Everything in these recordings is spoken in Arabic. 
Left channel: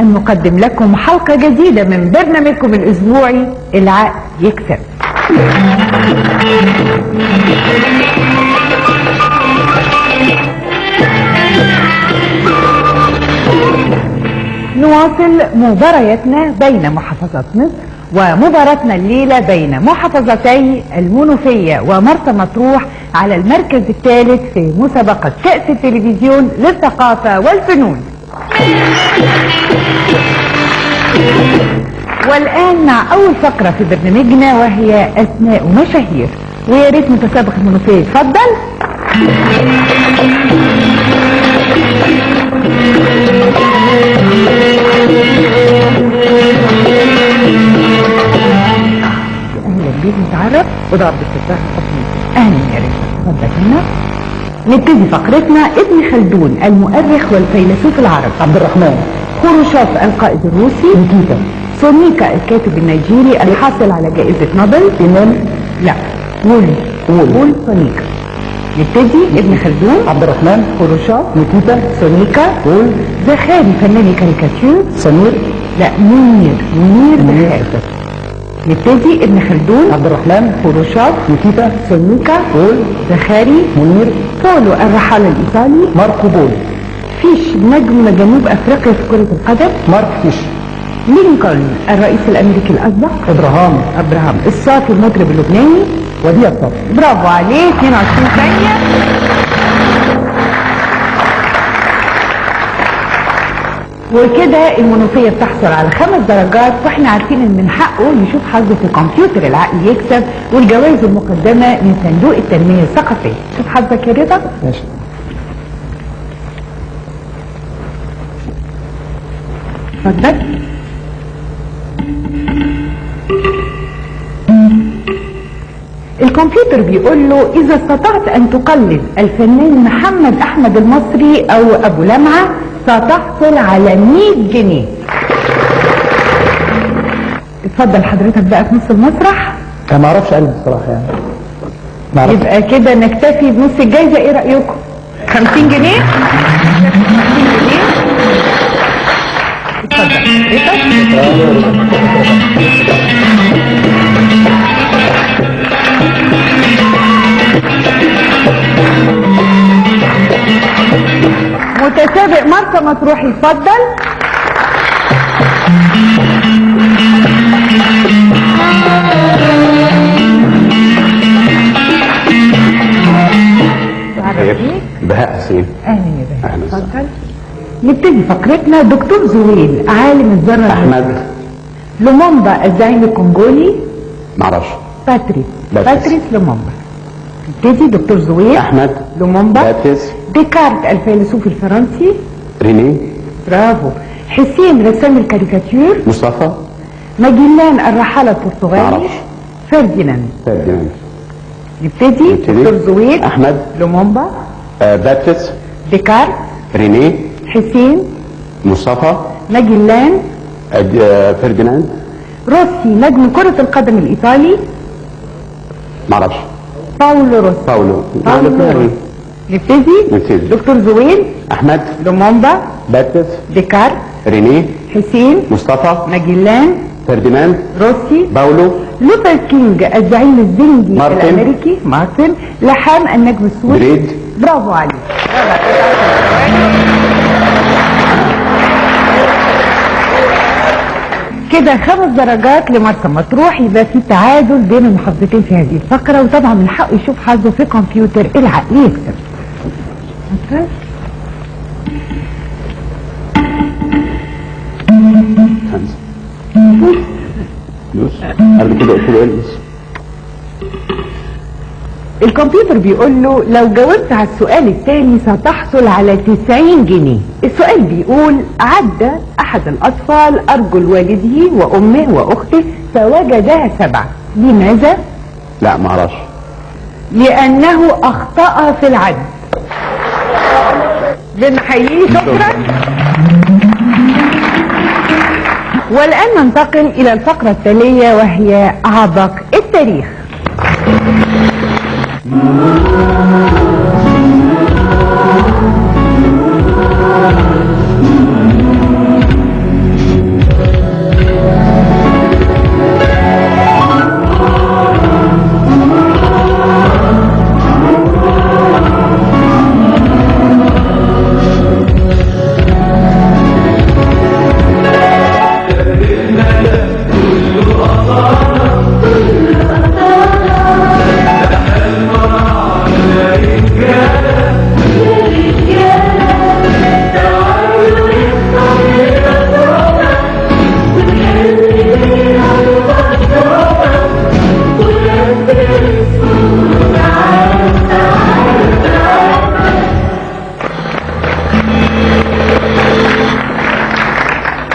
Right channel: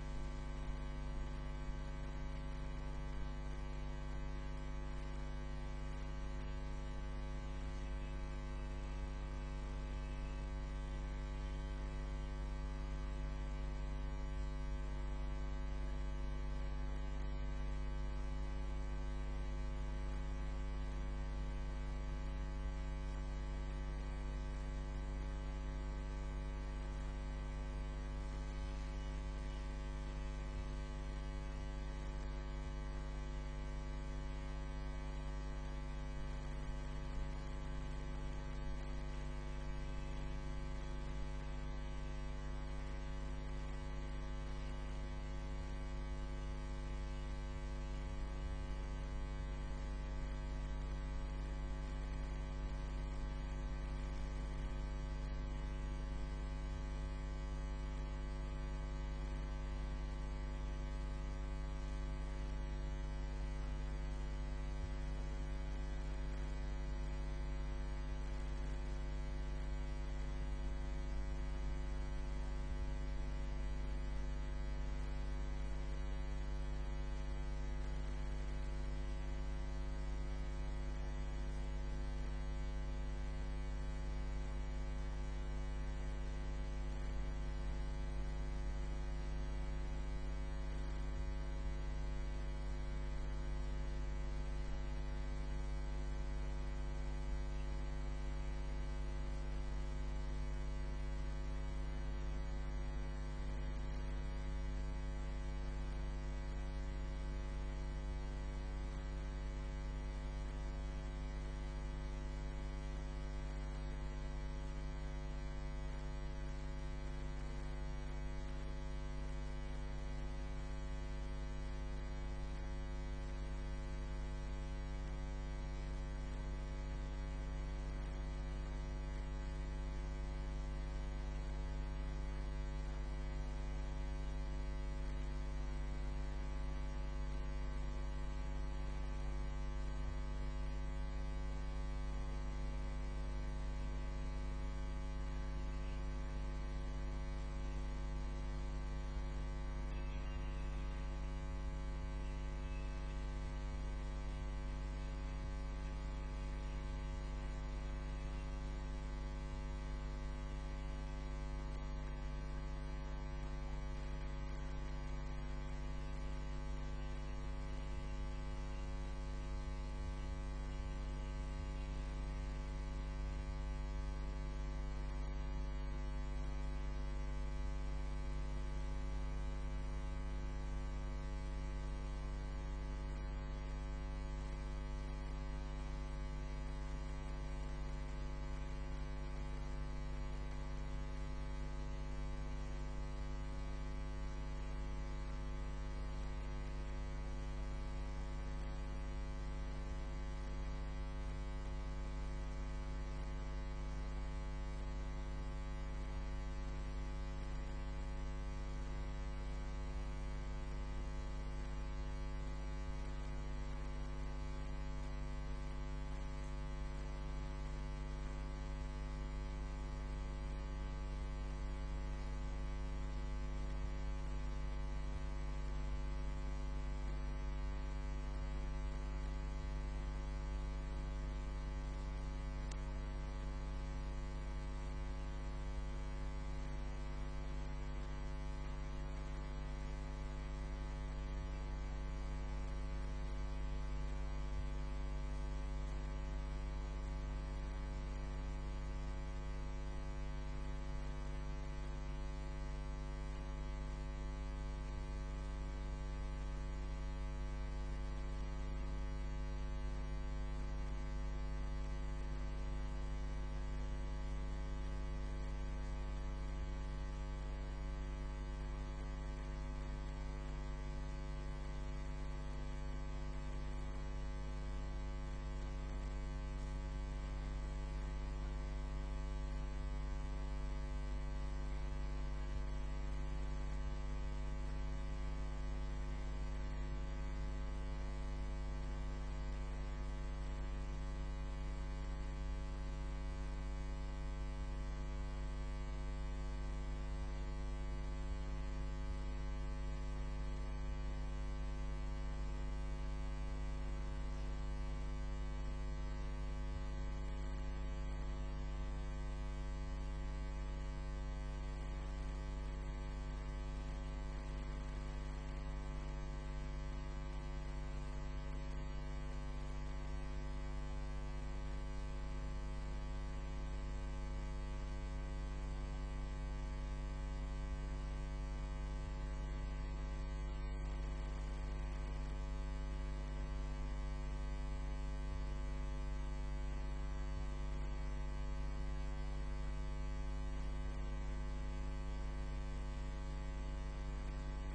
أن نقدم لكم حلقة جديدة من برنامجكم الأسبوعي العقل يكسب. نواصل مبارياتنا بين محافظات مصر، ومباراتنا الليلة بين محافظتي المنوفية ومرسى مطروح على المركز الثالث في مسابقة كأس التلفزيون للثقافة والفنون. والآن مع أول فقرة في برنامجنا وهي أسماء ومشاهير، ويا ريت متسابق المنوفية يتفضل. أهلا بيك، نتعرف وضرب استفتاح الحكم. أهلا يا ريت، اتفضل هنا. نبتدي فقرتنا. ابن خلدون المؤرخ والفيلسوف العربي. عبد الرحمن. خروشوف القائد الروسي. نيكيتا. سونيكا الكاتب النيجيري الحاصل على جائزة نوبل. إيمان. لا، وول سونيكا. نبتدي. ابن خلدون. عبد الرحمن. خروشوف. نيكيتا. سونيكا. وول. زخاري فنان كاريكاتير. سمير. لا، منير زخاري. نبتدي. ابن خلدون. عبد الرحمن. خروشوف. نيكيتا. سونيكا. وول. زخاري. منير. بولو الرحالة الإيطالي. ماركو بول. فيش نجم جنوب أفريقيا في كرة القدم. مارك فيش. لينكولن الرئيس الأمريكي الأسبق. أبراهام الصافي المطرب اللبناني. وديع الصافي. برافو عليه. 22 ثانية. وكده المنوفية بتحصل على 5 درجات، واحنا عارفين ان من حقه يشوف حظه في كمبيوتر العقل يكسب والجوائز المقدمة من صندوق التنمية الثقافية. شوف حظك يا رضا. ماشي. اتفضل. الكمبيوتر بيقول له اذا استطعت ان تقلد الفنان محمد احمد المصري او ابو لمعة ستحصل على 100 جنيه. اتفضل حضرتك بقى في نص المسرح. انا ما اعرفش قلب بصراحه يعني. ما اعرفش. يبقى كده نكتفي بنص الجايزه، ايه رايكم؟ 50 جنيه. 50 جنيه. اتفضل متسابق مرسى مطروح يتفضل. بهاء حسين. اهلا يا بهاء، اتفضل. نبتدي فقرتنا. دكتور زويل عالم الذره. احمد. لومومبا الزعيم الكونغولي. معرفش. باتريس لومومبا. نبتدي. دكتور زويل. احمد. لومومبا. باتريس. ديكارت الفيلسوف الفرنسي. ريني. برافو. حسين رسام الكاريكاتير. مصطفى. ماجلان الرحالة البرتغالي. معرفش. فرديناند. نبتدي. دكتور زويل. احمد. لومومبا. باتريس. ديكارت. ريني. حسين. مصطفى. ماجلان. فرديناند. روسي نجم كرة القدم الإيطالي. معرفش. باولو روسي. نبتدي. دكتور زويل. احمد. لومومبا. باتريس. ديكارت. ريني. حسين. مصطفى. ماجلان. فرديناند. روسي. باولو. لوثر كينج الزعيم الزنجي مارتن. الامريكي. مارتن. لحام النجم السوري. بريد. برافو عليك. كده 5 درجات لمرسى مطروح، يبقى في تعادل بين المحافظتين في هذه الفقرة، وطبعا من حقه يشوف حظه في كمبيوتر العقل يكسب. قبل كده قلت له البس. الكمبيوتر بيقول له لو جاوبت على السؤال الثاني ستحصل على 90 جنيه. السؤال بيقول: عدى احد الاطفال ارجل والده وامه واخته فوجدها 7، لماذا؟ لا معرفش. لانه اخطأ في العد. بنحييه، شكرا. والان ننتقل الى الفقرة التالية وهي عبق التاريخ.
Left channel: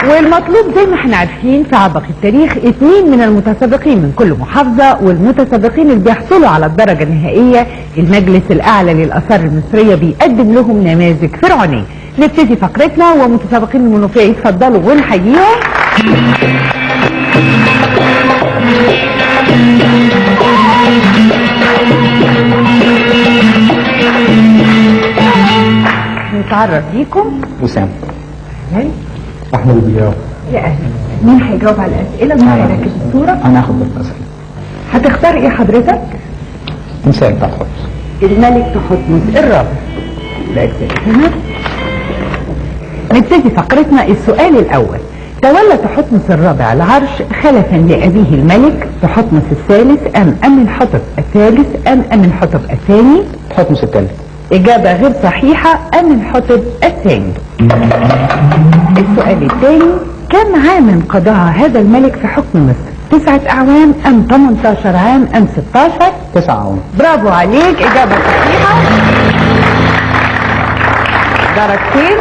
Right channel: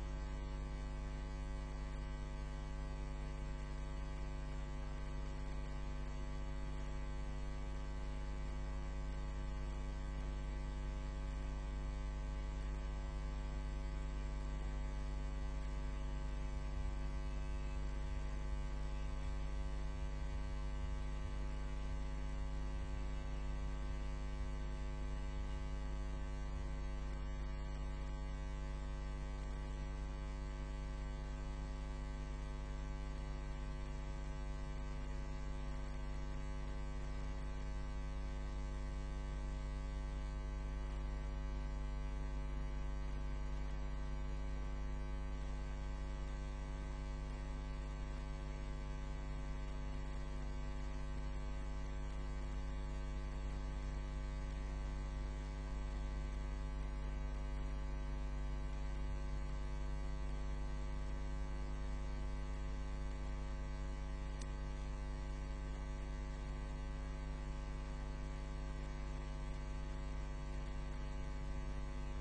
والمطلوب زي ما احنا عارفين في عبق التاريخ 2 من المتسابقين من كل محافظة، والمتسابقين اللي بيحصلوا على الدرجة النهائية المجلس الأعلى للآثار المصرية بيقدم لهم نماذج فرعونية. نبتدي فقرتنا ومتسابقين المنوفية يتفضلوا ونحييهم. نتعرف بيكم. وسام. أهلاً. احمد البياض. يا أهلا. مين هيجاوب على الأسئلة؟ مين هيركز الصورة؟ انا هاخد بالاسئله. هتختار ايه حضرتك؟ مثال بتاع حفظ. الملك تحتمس الرابع. هنا نبتدي فقرتنا. السؤال الأول: تولى تحتمس الرابع العرش خلفا لأبيه الملك تحتمس الثالث أم أمنحتب الثالث أم أمنحتب الثاني؟ تحتمس الثالث. إجابة غير صحيحة، أمنحتب الثاني. السؤال الثاني: كم عاما قضاها هذا الملك في حكم مصر؟ 9 أعوام أم 18 عام أم 16؟ 9 أعوام. برافو عليك، إجابة صحيحة، درجتين.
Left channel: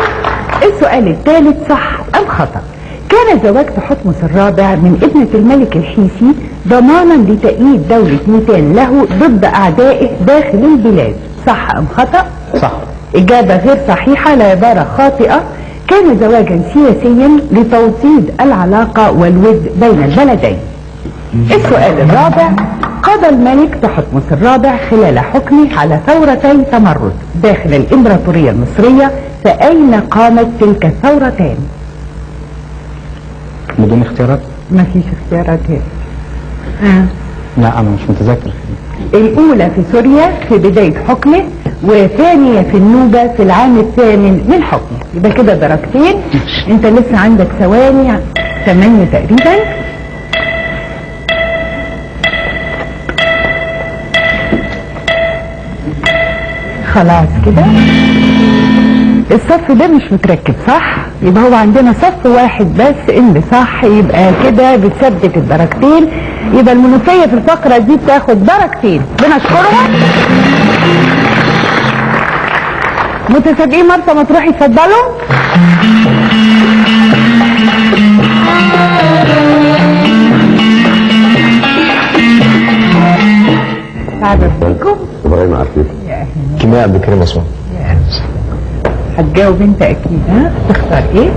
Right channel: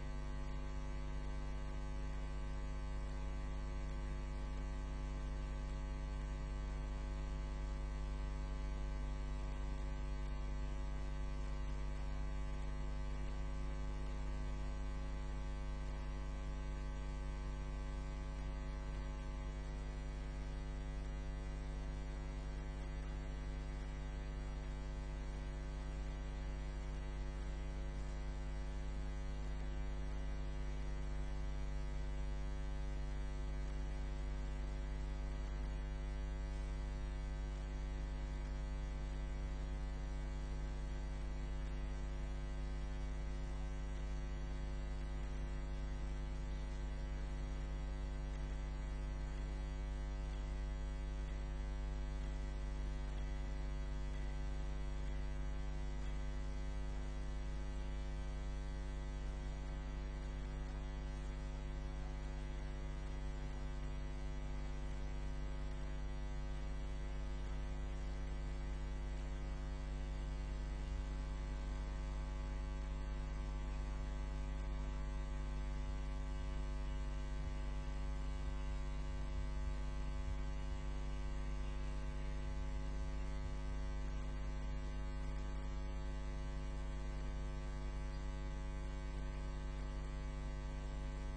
السؤال الثالث: صح أم خطأ؟ كان زواج تحتمس الرابع من ابنة الملك الحيثي ضمانا لتأييد دولة ميتان له ضد أعدائه داخل البلاد، صح أم خطأ؟ صح. إجابة غير صحيحة، العبارة خاطئة. كان زواجا سياسيا لتوطيد العلاقة والود بين البلدين. السؤال الرابع: قضى الملك تحتمس الرابع خلال حكمه على ثورتي تمرد داخل الإمبراطورية المصرية، فأين قامت تلك الثورتان؟ بدون اختيارات؟ ما فيش اختيارات هنا. لا انا مش متذكر. الأولى في سوريا في بداية حكمه، وثانية في النوبة في العام الثامن من حكمه. يبقى كده درجتين. انت لسه عندك ثواني 8 تقريبا. خلاص كده الصف ده مش متركب صح، يبقى هو عندنا صف واحد بس اللي صح، يبقى كده بتثبت الدرجتين. يبقى المنوفية في الفقرة دي بتاخد درجتين، بنشكرها. متسابقين مرسى مطروح يتفضلوا. تعرف بيكم؟ ابراهيم عارفين. كيمياء عبد الكريم عثمان. هتجاوب انت اكيد. ها تختار ايه؟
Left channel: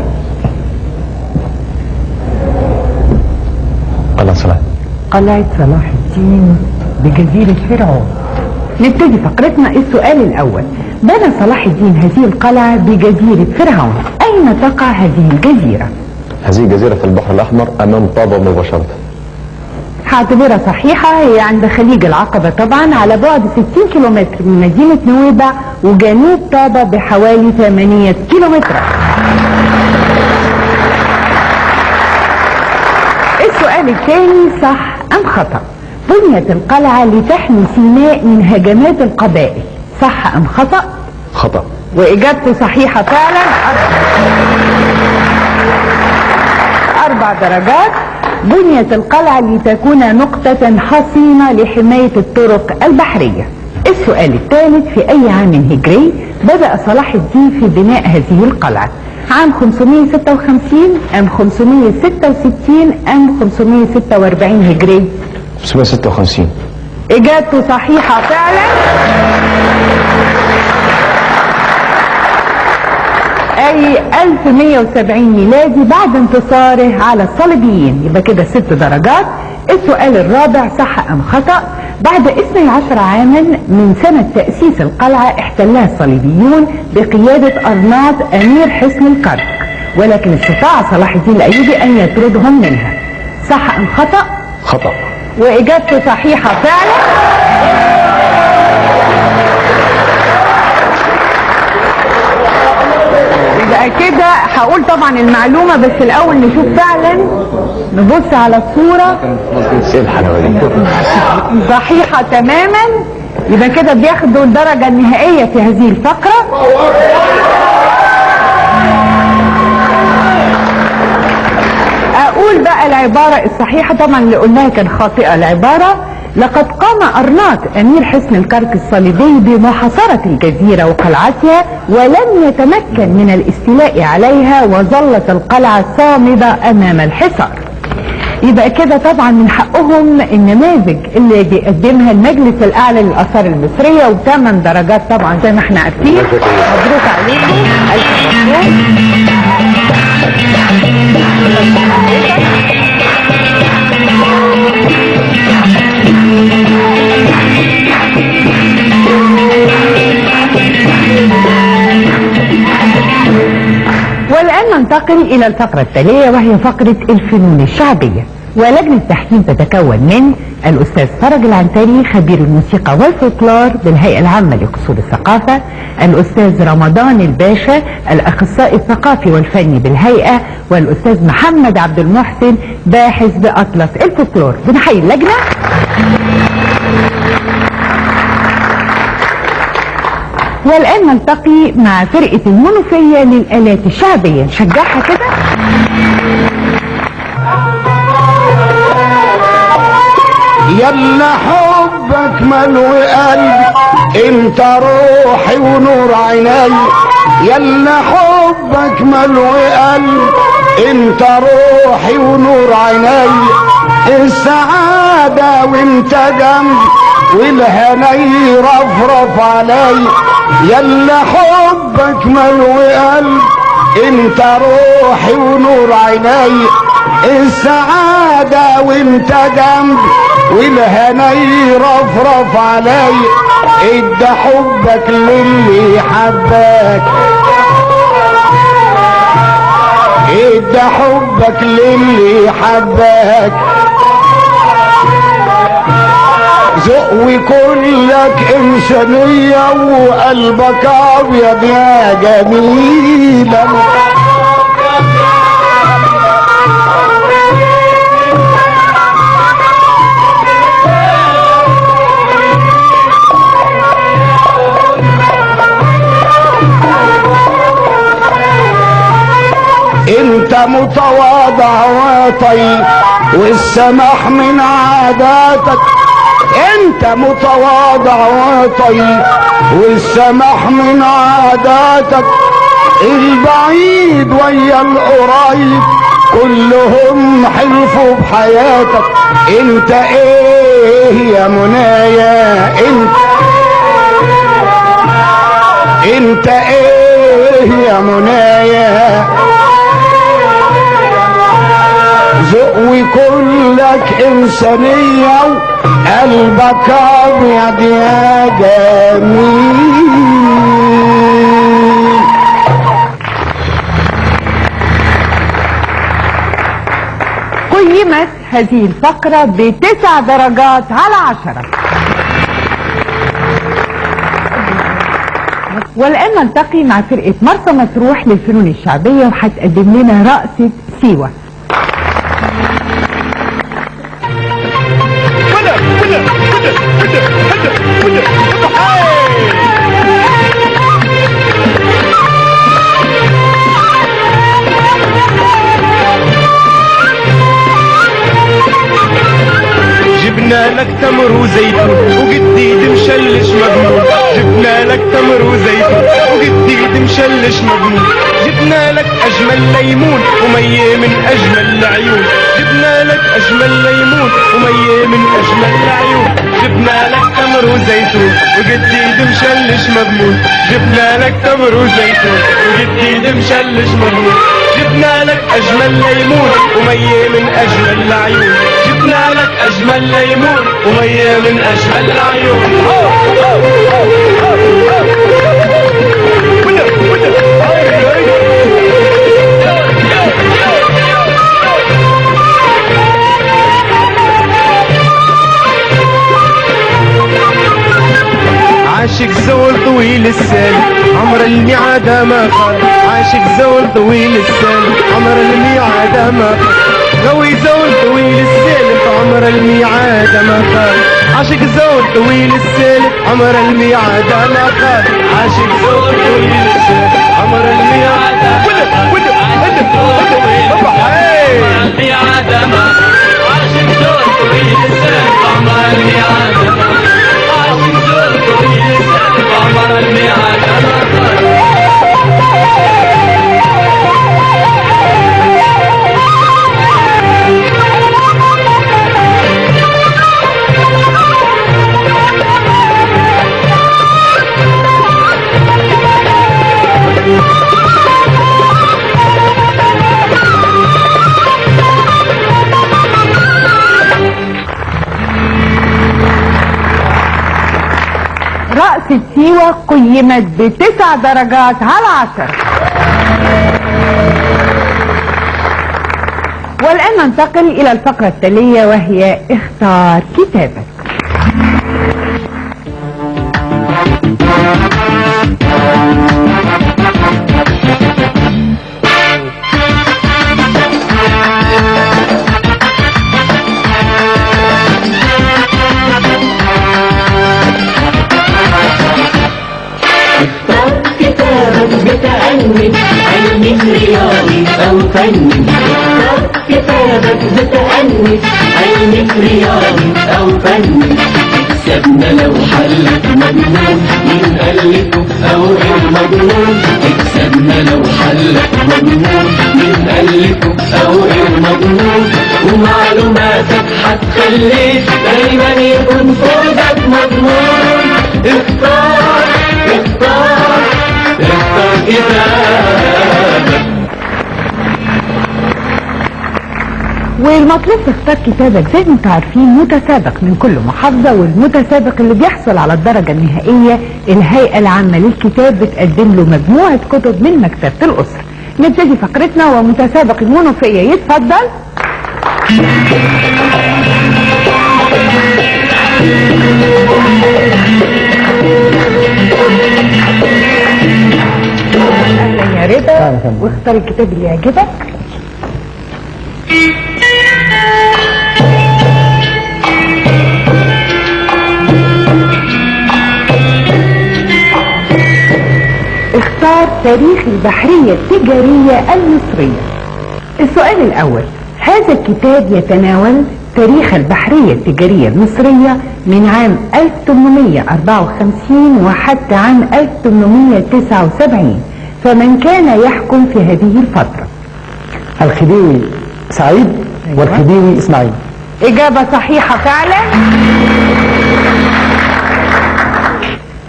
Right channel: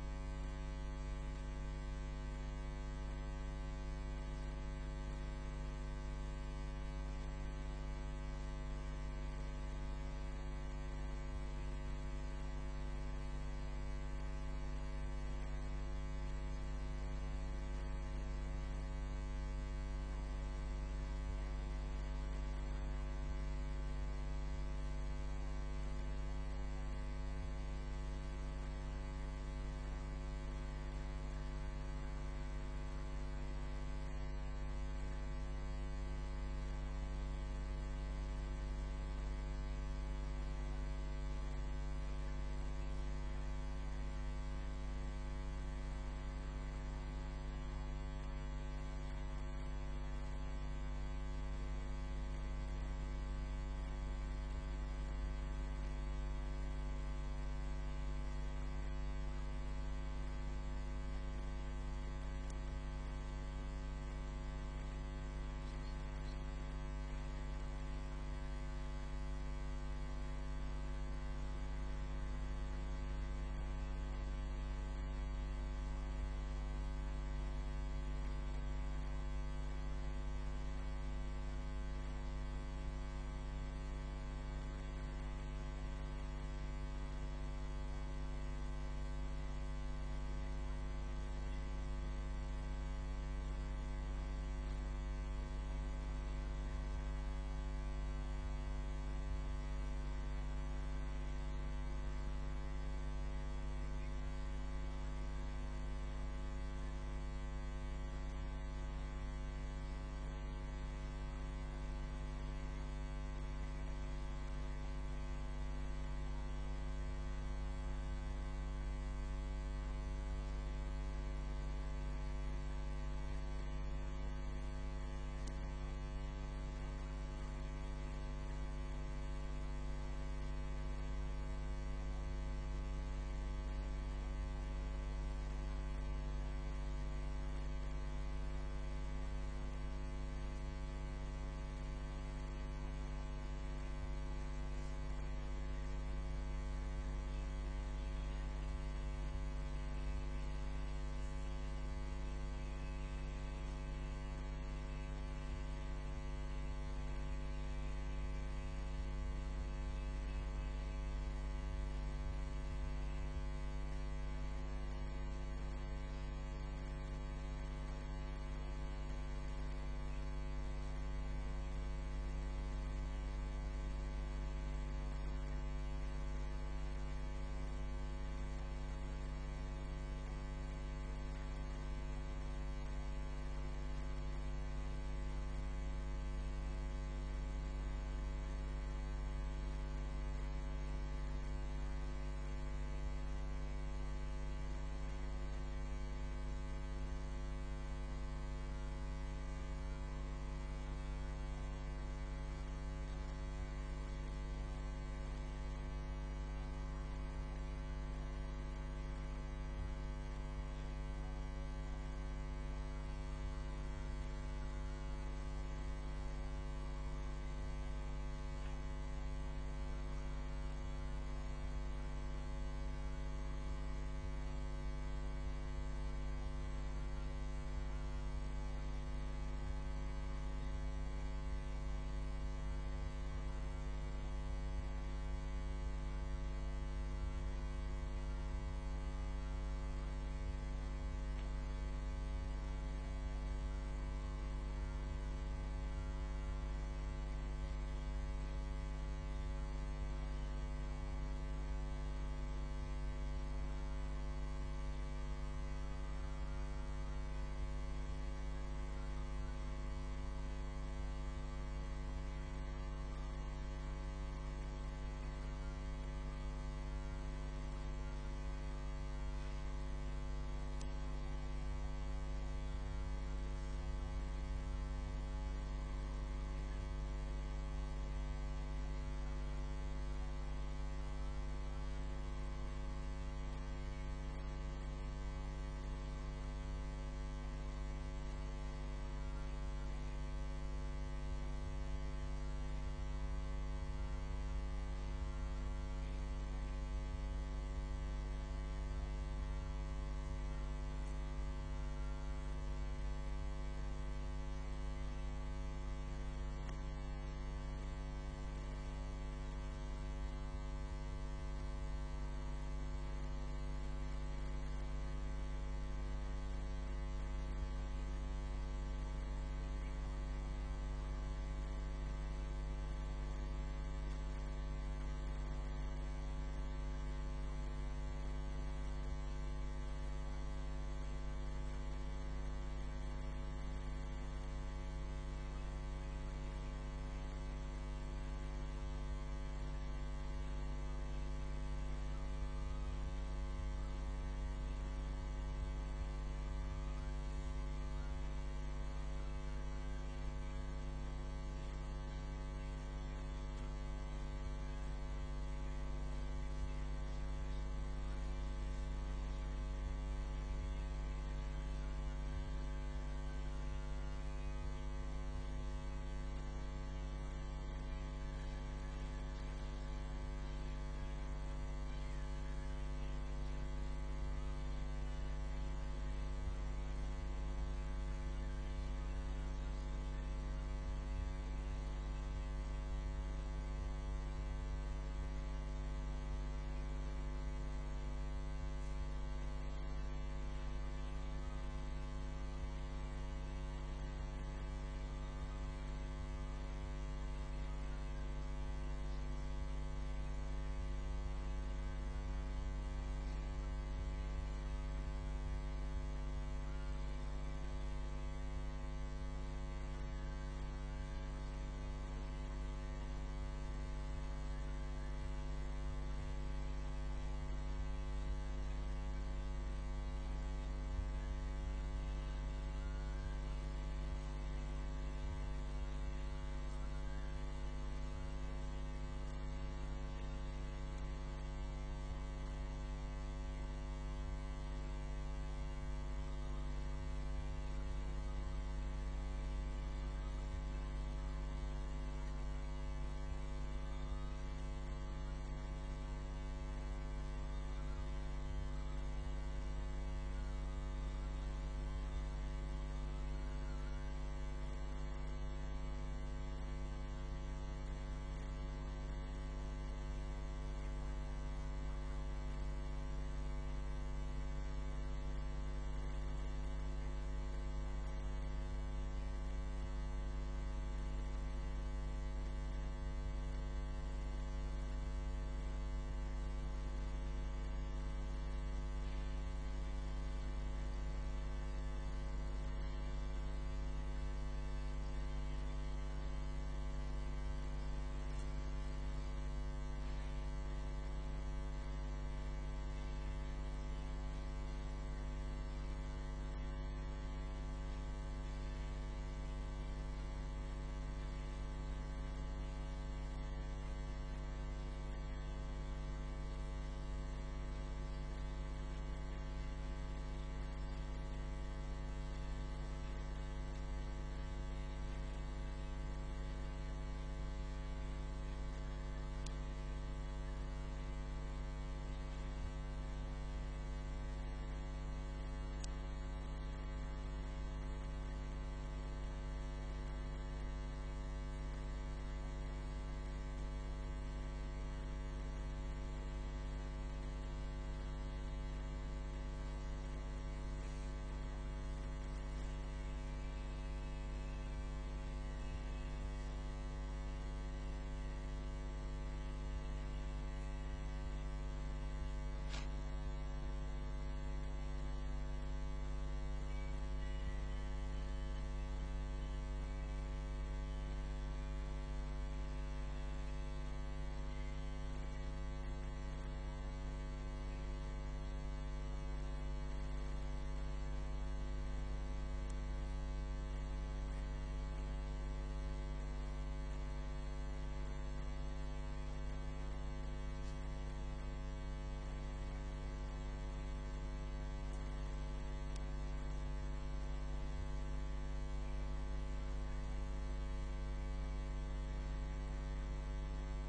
قلعة صلاح. قلعة صلاح الدين بجزيرة فرعون. نبتدي فقرتنا. السؤال الأول: بنى صلاح الدين هذه القلعة بجزيرة فرعون، أين تقع هذه الجزيرة؟ هذه الجزيرة في البحر الأحمر أمام طابة مباشرة. هعتبرها صحيحة، هي عند خليج العقبة طبعا، على بعد 60 كيلومتر من مدينة نويبع وجنوب طابة بحوالي 8 كيلومتر. السؤال الثاني: صح أم خطأ؟ بنيت القلعة لتحمي سيناء من هجمات القبائل، صح أم خطأ؟ خطأ. وإجابته صحيحة فعلا، 4 درجات. بنيت القلعة لتكون نقطة حصينة لحماية الطرق البحرية. السؤال الثالث: في أي عام هجري بدأ صلاح الدين في بناء هذه القلعة؟ عام 556 أم 566 أم 546 هجري؟ 556. إجابته صحيحة فعلا، أي 1170 ميلادي بعد انتصاره على الصليبيين. يبقى كده 6 درجات. السؤال الرابع: صح أم خطأ؟ بعد 12 عاما من سنة تأسيس القلعة احتلها الصليبيون بقيادة أرناط أمير حصن الكرك، ولكن استطاع صلاح الدين الأيوبي أن يطردهم منها، صح أم خطأ؟ خطأ. وإجابته صحيحة فعلا، يبقى كده هقول طبعا المعلومة، بس الأول نشوف فعلا، نبص على الصورة. ايه الحلاوة دي؟ صحيحة تماما. يبقى كده بياخدوا الدرجة النهائية في هذه الفقرة. أقول بقى العبارة الصحيحة، طبعا اللي قلناها كان خاطئة العبارة. لقد قام أرناط أمير حصن الكرك الصليبي بمحاصرة الجزيرة وقلعتها، ولم يتمكن من الاستيلاء عليها، وظلت القلعة صامدة أمام الحصار. يبقى كده طبعا من حقهم النماذج اللي بيقدمها المجلس الأعلى للآثار المصرية، و8 درجات طبعا زي ما احنا عارفين. مبروك عليكم، ألف مبروك. والآن ننتقل إلى الفقرة التالية، وهي فقرة الفنون الشعبية. ولجنة التحكيم تتكون من الأستاذ فرج العنتري خبير الموسيقى والفولكلور بالهيئة العامة لقصور الثقافة، الأستاذ رمضان الباشا الأخصائي الثقافي والفني بالهيئة، والأستاذ محمد عبد المحسن باحث بأطلس الفولكلور. بنحيي اللجنة. والآن نلتقي مع فرقة المنوفية للآلات الشعبية، نشجعها كده. يلا حبك ملو قلبي، انت روحي ونور عيني. يلا حبك ملو قلبي، انت روحي ونور عيني. السعادة وانت جنبي، والهني رفرف علي. يلا حبك ملو قلبي، انت روحي ونور عيني. السعادة وانت جنبي، والهني رفرف علي. ادى حبك للي حبك، ادى حبك للي حبك. ذوقي كلك إنسانية، وقلبك أبيض يا جميلة. انت متواضع وطيب، والسماح من عاداتك. انت متواضع وطيب، والسماح من عاداتك. البعيد ويا القريب، كلهم حلفوا بحياتك. انت ايه يا منايا، انت ايه يا منايا. ذوقي كلك إنسانية، وقلبك أبيض يا جميل. قيمت هذه الفقرة ب9 درجات على 10. والآن نلتقي مع فرقة مرسى مطروح للفنون الشعبية، وهتقدم لنا رقصة سيوة. جبنا لك تمر وزيتون، وجديد مشلش مجنون. جبنا لك تمر وزيتون، وجديد مشلش مجنون. جبنا لك اجمل ليمون، ومية من اجمل العيون. جبنا لك اجمل ليمون، ومية من اجمل العيون. جبنا لك تمر وزيتون، وجديد مشلش مجنون. جبنا لك تمر وزيتون، وجديد مشلش مجنون. جبنا لك اجمل ليمون، ومية من اجمل العيون. جبنا لك اجمل ليمون، ومية من اجمل العيون. عاشق زول طويل السال، عمر الميعاد ما خان. عاشق زول طويل السال، عمر الميعاد ما خان. غوي زول طويل السالف، عمر الميعاد ما خان. عاشق زول طويل السالف، عمر الميعاد ما خان. عاشق زول طويل السالف، عمر الميعاد ما خان. عاشق زول طويل السالف، عمر الميعاد الكتابة قيمت ب9 درجات على 10. والآن ننتقل إلى الفقرة التالية وهي اختار كتابك. علمي رياضي أو فني. اختار كتابك بتأني، علمي رياضي أو فني. تكسبنا لو حلك مجنون، مين ألفه أو غير مجنون. تكسبنا لو حلك مجنون، مين ألفه أو غير مجنون. ومعلوماتك هتخليك دايما يكون فوزك مضمون. اختار اختار اختار كتابك. والمطلوب تختار كتابك زي ما انتم عارفين متسابق من كل محافظة، والمتسابق اللي بيحصل على الدرجة النهائية الهيئة العامة للكتاب بتقدم له مجموعة كتب من مكتبة الأسرة. نبتدي فقرتنا ومتسابق المنوفية يتفضل. اهلا يا رضا، واختار الكتاب اللي يعجبك. اختار تاريخ البحرية التجارية المصرية. السؤال الأول: هذا الكتاب يتناول تاريخ البحرية التجارية المصرية من عام 1854 وحتى عام 1879، فمن كان يحكم في هذه الفترة؟ الخديوي سعيد والخديوي إسماعيل. إجابة صحيحة فعلا.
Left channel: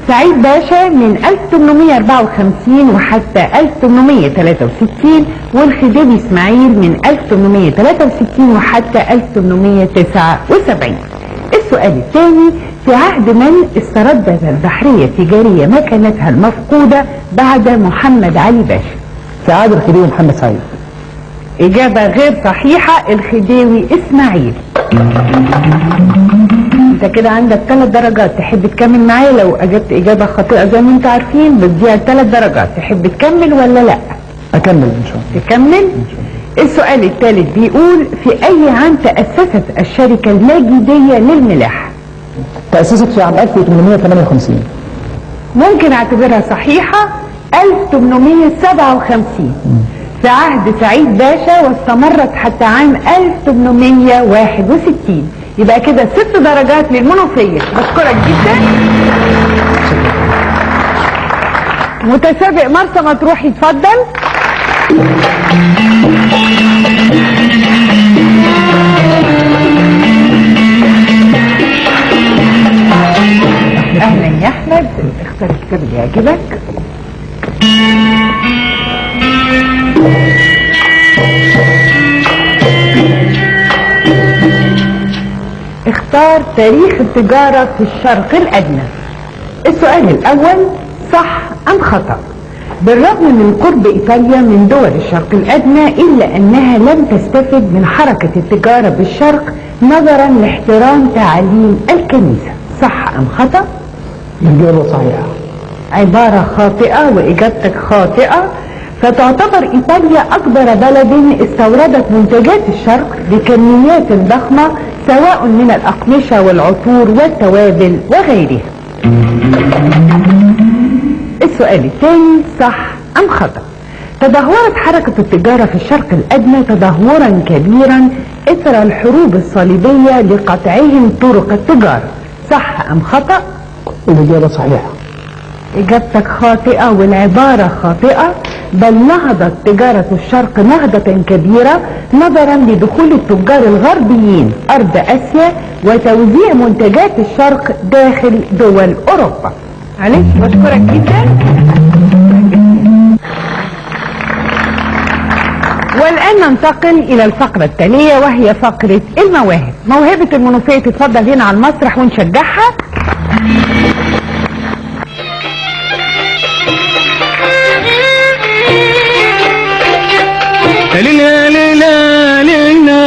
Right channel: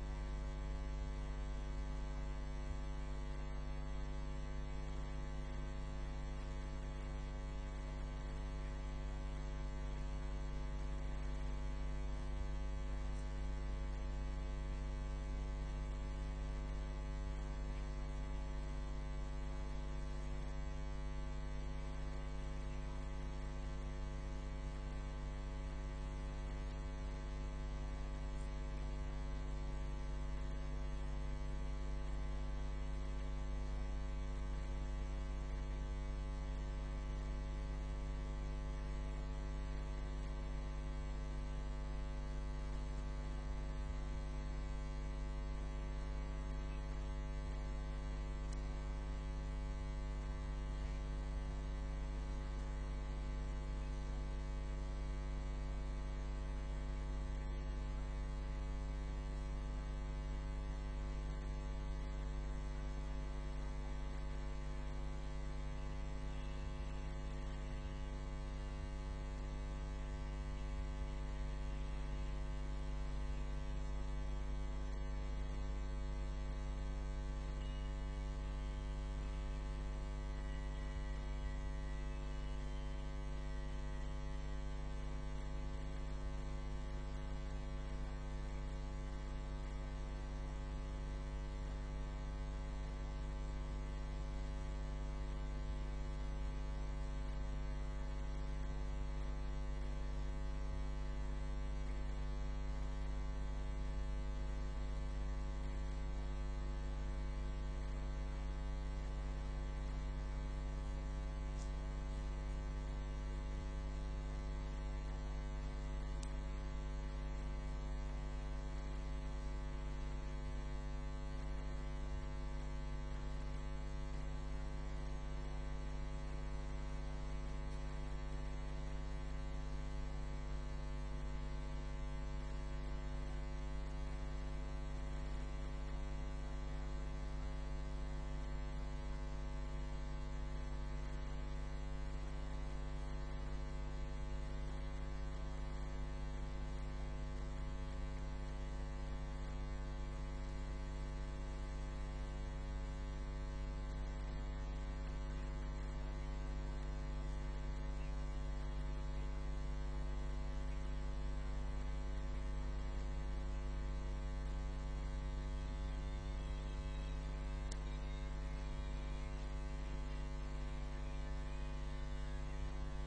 سعيد باشا من 1854 وحتى 1863، والخديوي إسماعيل من 1863 وحتى 1879. السؤال الثاني: في عهد من استردت البحرية التجارية مكانتها المفقودة بعد محمد علي باشا؟ في عهد الخديوي محمد سعيد. إجابة غير صحيحة، الخديوي إسماعيل. انت كده عندك 3 درجات، تحب تكمل معايا؟ لو اجبت اجابة خاطئة زي ما انت عارفين بتضيع 3 درجات، تحب تكمل ولا لا؟ اكمل ان شاء الله. تكمل؟ السؤال الثالث بيقول: في اي عام تأسست الشركة المجيدية للملاحة؟ تأسست في عام 1858. ممكن اعتبرها صحيحة، 1857 في عهد سعيد باشا، واستمرت حتى عام 1861. يبقى كده 6 درجات للمنوفية. بشكرك جدا. متسابق مرسى مطروح يتفضل. اهلا يا احمد، اختار الكتاب اللي يعجبك. اختار تاريخ التجارة في الشرق الأدنى. السؤال الأول: صح أم خطأ؟ بالرغم من قرب إيطاليا من دول الشرق الأدنى إلا أنها لم تستفد من حركة التجارة بالشرق نظرا لاحترام تعاليم الكنيسة. صح أم خطأ؟ الإجابة صحيحة. عبارة خاطئة، وإجابتك خاطئة. فتعتبر إيطاليا أكبر بلد استوردت منتجات الشرق بكميات ضخمة، سواء من الأقمشة والعطور والتوابل وغيرها. السؤال الثاني: صح أم خطأ؟ تدهورت حركة التجارة في الشرق الأدنى تدهورا كبيرا إثر الحروب الصليبية لقطعهم طرق التجارة. صح أم خطأ؟ الإجابة صحيحة. إجابتك خاطئة، والعبارة خاطئة. بل نهضت تجارة الشرق نهضة كبيرة نظرا لدخول التجار الغربيين أرض آسيا وتوزيع منتجات الشرق داخل دول أوروبا. معلش، بشكرك جدا. والآن ننتقل إلى الفقرة التالية وهي فقرة المواهب. موهبة المنوفية تتفضل هنا على المسرح ونشجعها. ليلى ليلى ليلى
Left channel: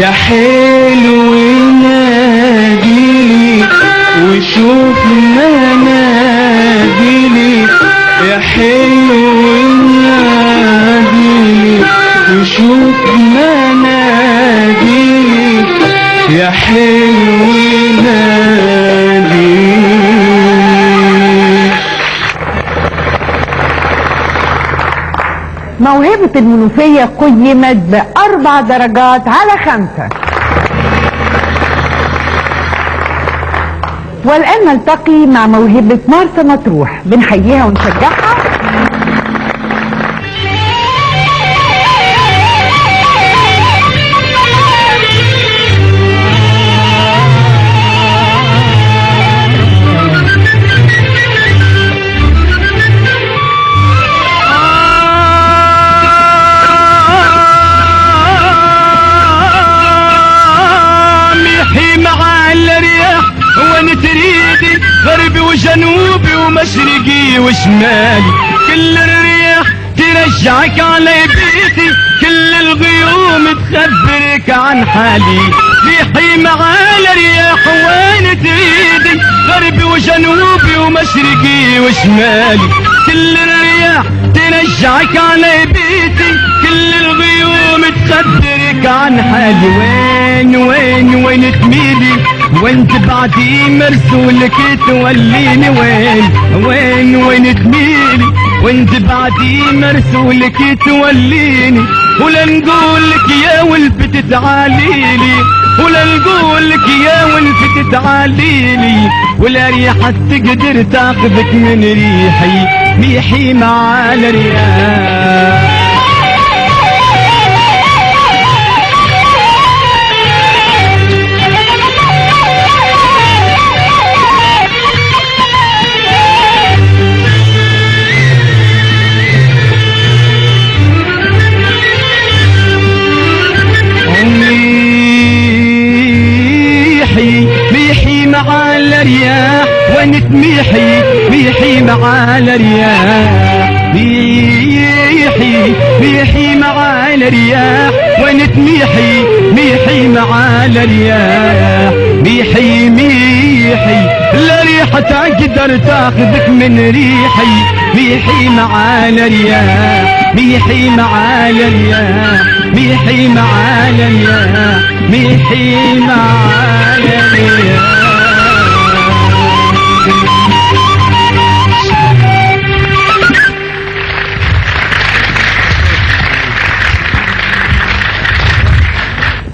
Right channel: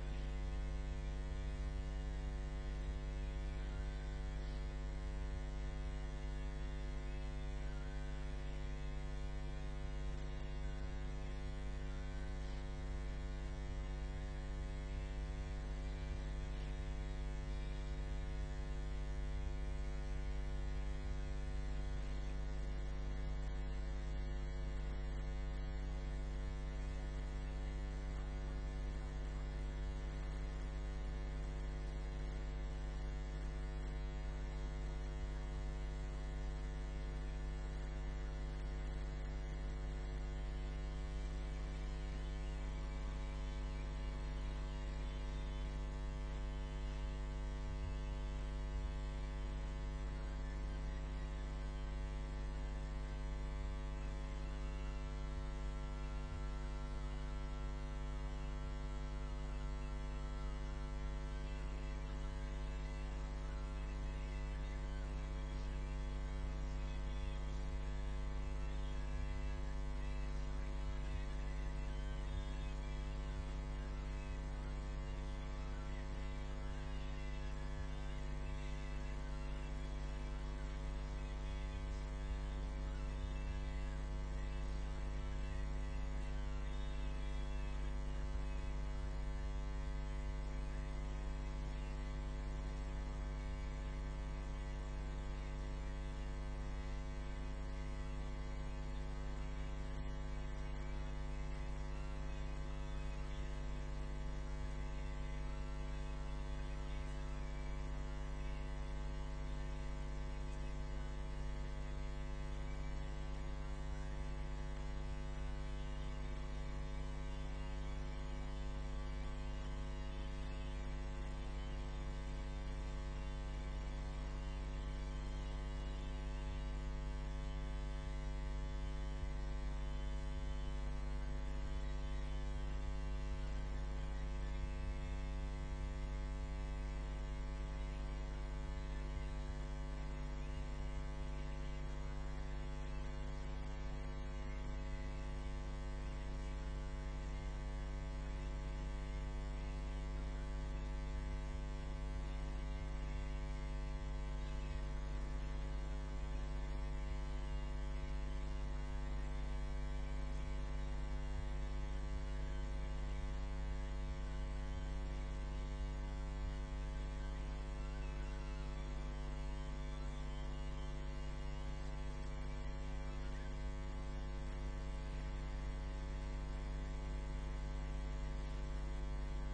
يا حلو ناديلي وشوف مناديلي يا حلو ناديلي وشوف مناديلي يا حلو ناديلي. موهبة المنوفية قيمت ب4 درجات على 5. والآن نلتقي مع موهبة مرسى مطروح، بنحييها ونشجعها. تريدي غربي وجنوبي ومشرقي وشمالي، كل الرياح ترجعك على بيتي، كل الغيوم تخبرك عن حالي. ريحي معال رياح وين تريدي غربي وجنوبي ومشرقي وشمالي، كل الرياح ترجعك على بيتي، كل الغيوم تخبرك عن حالي. وين وين وين تميلي وانت بعدي مرسولك توليني، وين وين وين تميلي وانت بعدي مرسولك توليني. ولا نقولك يا ولفت تعاليلي، ولا نقولك يا ولفت تعاليلي، ولا ريحة تقدر تاخذك من ريحي، ريحي مع الرياح. ميحي مع الرياح ونتميحي، ميحي مع الرياح، ميحي ميحي مع الرياح ونتميحي، ميحي مع الرياح، ميحي ميحي لا ريحة تقدر تاخذك من ريحي، ميحي مع الرياح، ميحي مع الرياح، ميحي مع الرياح، ميحي مع الرياح.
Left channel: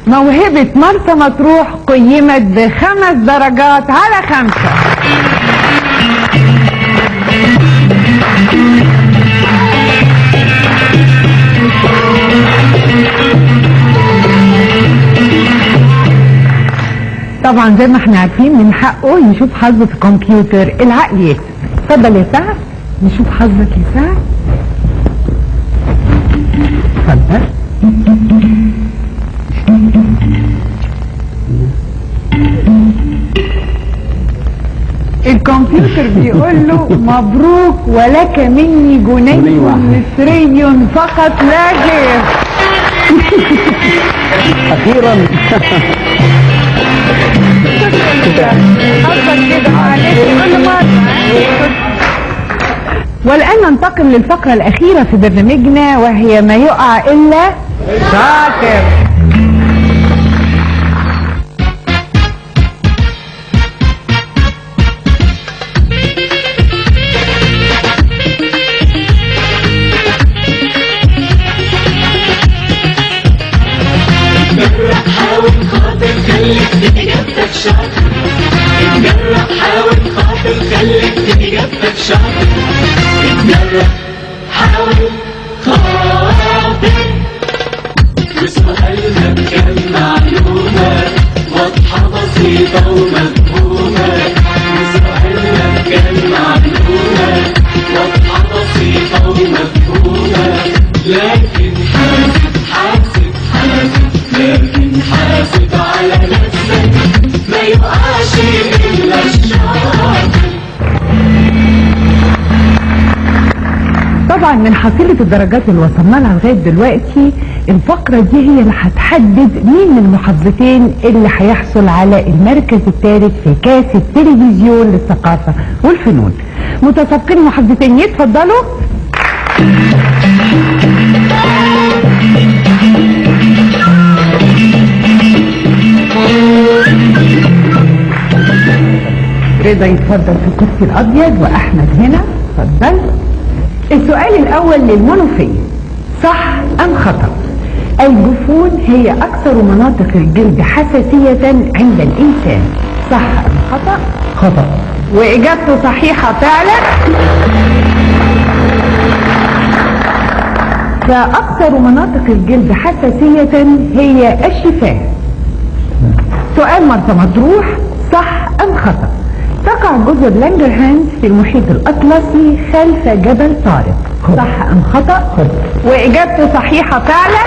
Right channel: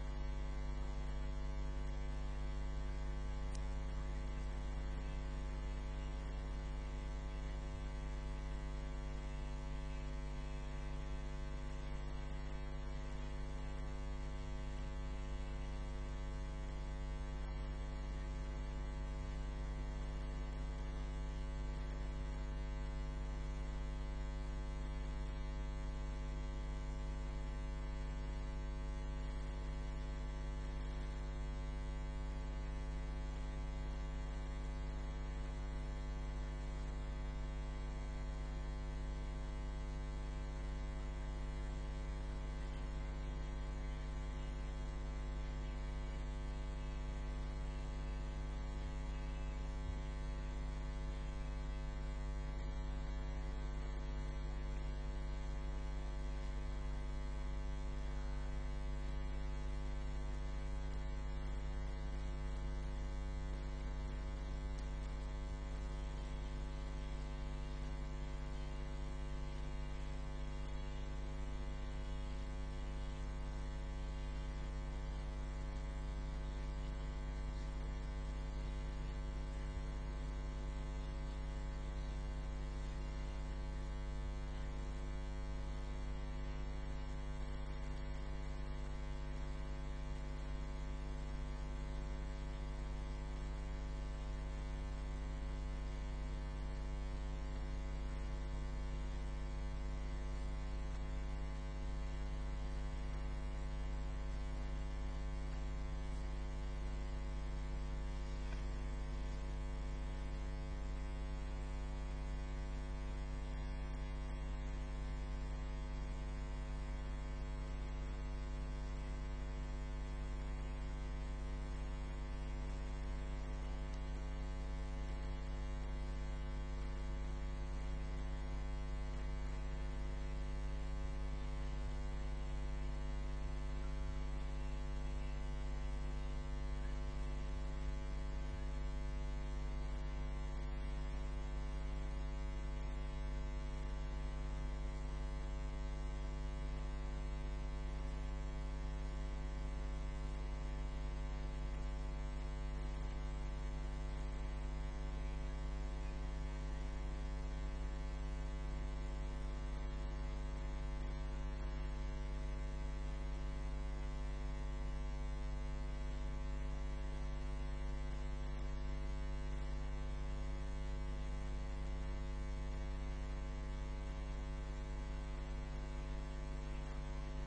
موهبة مرسى مطروح قيمت ب5 درجات على 5. طبعا زي ما احنا عارفين من حقه يشوف حظه في الكمبيوتر، العقل يكسب. اتفضل يا سعد نشوف حظك يا سعد. اتفضل. الكمبيوتر بيقول له مبروك ولك مني جنيه مصري فقط لا غير. اخيرا. والآن ننتقل للفقرة الأخيرة في برنامجنا، وهي ما يقع إلا شاطر. اتجرأ حاول خاطر خليك في إجابتك شاطر. اتجرأ حاول خاطر خليك في إجابتك شاطر. اتجرأ حاول خاطر. وسؤالنا بكام معلومة واضحة بسيطة ومفهومة. وسؤالنا بكام معلومة واضحة بسيطة ومفهومة. لكن لكن حاسب على نفسك ما يقعش إلا الشاطر. طبعا من حصيلة الدرجات اللي وصلنا لها لغاية دلوقتي الفقرة دي هي اللي هتحدد مين من المحافظتين اللي هيحصل على المركز الثالث في كاس التلفزيون للثقافة والفنون. متسابقين محافظتين يتفضلوا. رضا يتفضل في الكرسي الابيض واحمد هنا. اتفضل. السؤال الاول للمنوفية، صح ام خطأ؟ الجفون هي اكثر مناطق الجلد حساسية عند الانسان، صح ام خطأ؟ خطأ. واجابته صحيحة فعلا. فاكثر مناطق الجلد حساسية هي الشفاه. سؤال مرسى مطروح، صح ام خطأ؟ تقع جزر لانجرهانز في المحيط الأطلسي خلف جبل طارق، صح أم خطأ؟ خطأ. وإجابته صحيحة فعلا.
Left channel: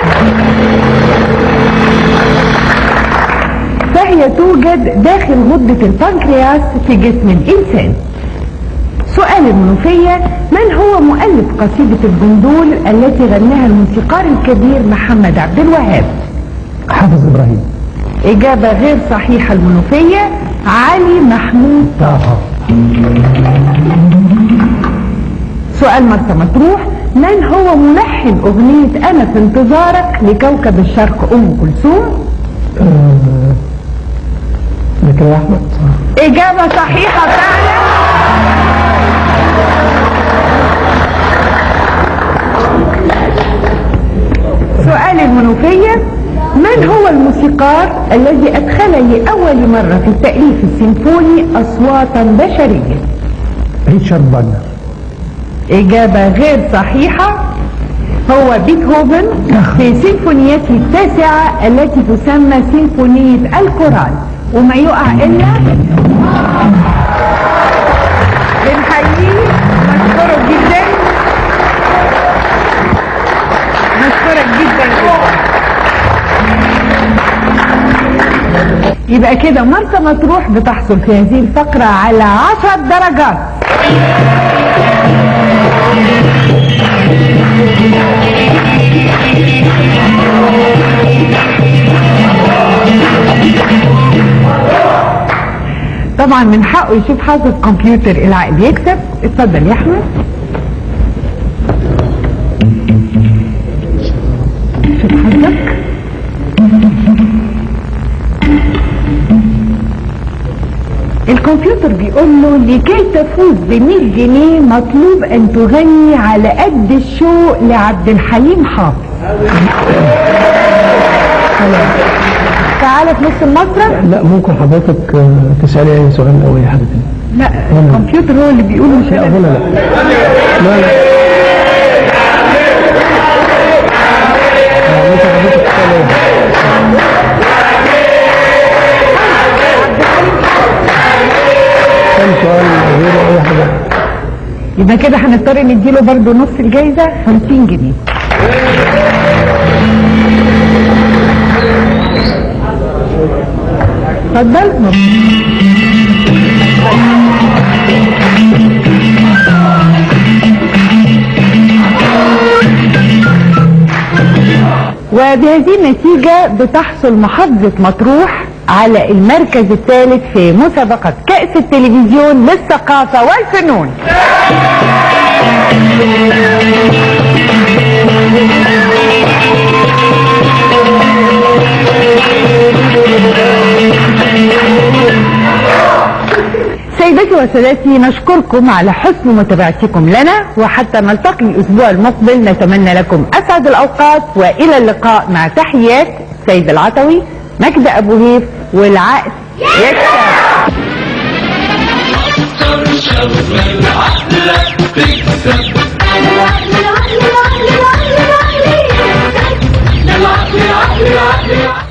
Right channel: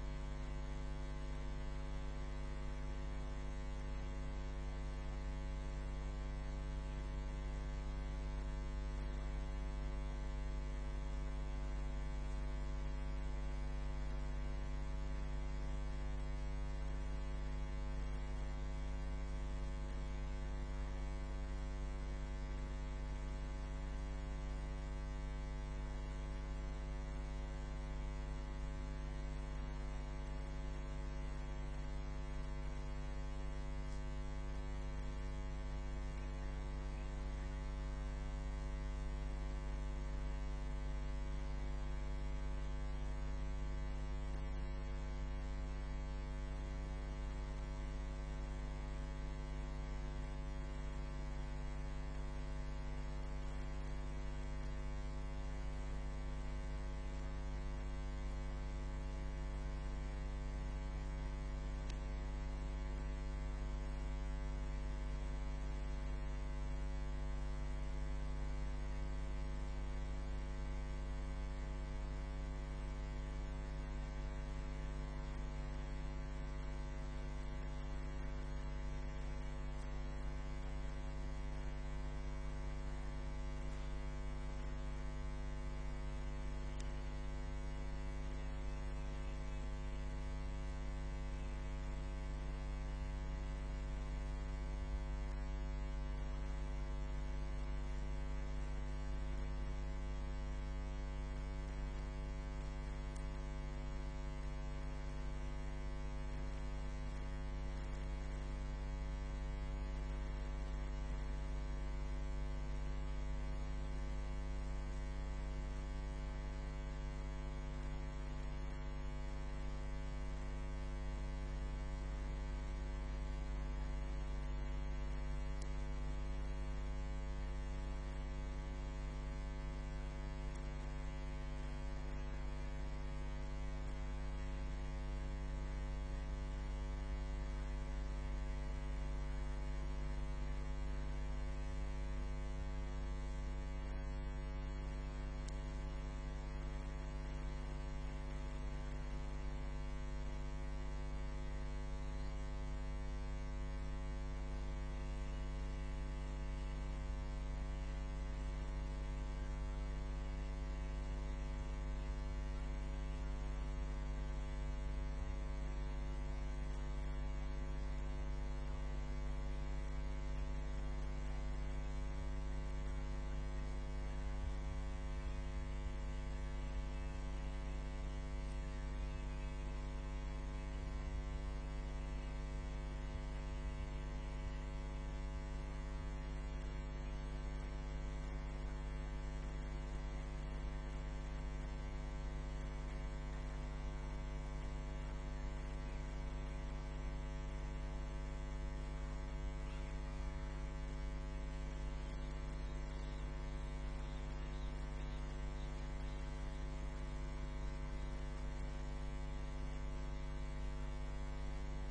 فهي توجد داخل غدة البنكرياس في جسم الإنسان. سؤال المنوفية، من هو مؤلف قصيدة الجندول التي غناها الموسيقار الكبير محمد عبد الوهاب؟ حافظ إبراهيم. إجابة غير صحيحة المنوفية، علي محمود طه. سؤال مرسى مطروح، من هو ملحن أغنية أنا في انتظارك لكوكب الشرق أم كلثوم؟ زكريا أحمد. إجابة صحيحة فعلا. سؤال المنوفية، من هو الموسيقار الذي أدخل لأول مرة في التأليف السيمفوني أصواتا بشرية؟ ريتشارد فاغنر. إجابة غير صحيحة، هو بيتهوفن في سيمفونيته التاسعة التي تسمى سيمفونية الكورال. وما يقع إلا بنحييه، مشكورة جدا، مشكورة جدا جدا. يبقى كده مرسى مطروح بتحصل في هذه الفقرة على 10 درجات. طبعا من حقه يشوف حظ الكمبيوتر العقل يكسب. اتفضل يا احمد. شوف حظك. الكمبيوتر بيقول له لكي تفوز ب100 جنيه مطلوب ان تغني على قد الشوق لعبد الحليم حافظ. تعالى في نص المسرح. لا ممكن حضرتك تسألي أي سؤال أو أي حاجة تاني. لا الكمبيوتر هو اللي بيقول مش لا أظن لا. لا لا. ممكن حضرتك تسألي كم سؤال غير أي حاجة. يبقى كده هنضطر نديله برضه نص الجايزة 50 جنيه. اتفضل. وبهذه النتيجة بتحصل محافظة مطروح على المركز الثالث في مسابقة كأس التلفزيون للثقافة والفنون. سيداتي وسادتي، نشكركم على حسن متابعتكم لنا، وحتى نلتقي الأسبوع المقبل نتمنى لكم أسعد الأوقات، وإلى اللقاء مع تحيات السيد العطوي، مجدي أبو هيف، والعقل يكسب. العقل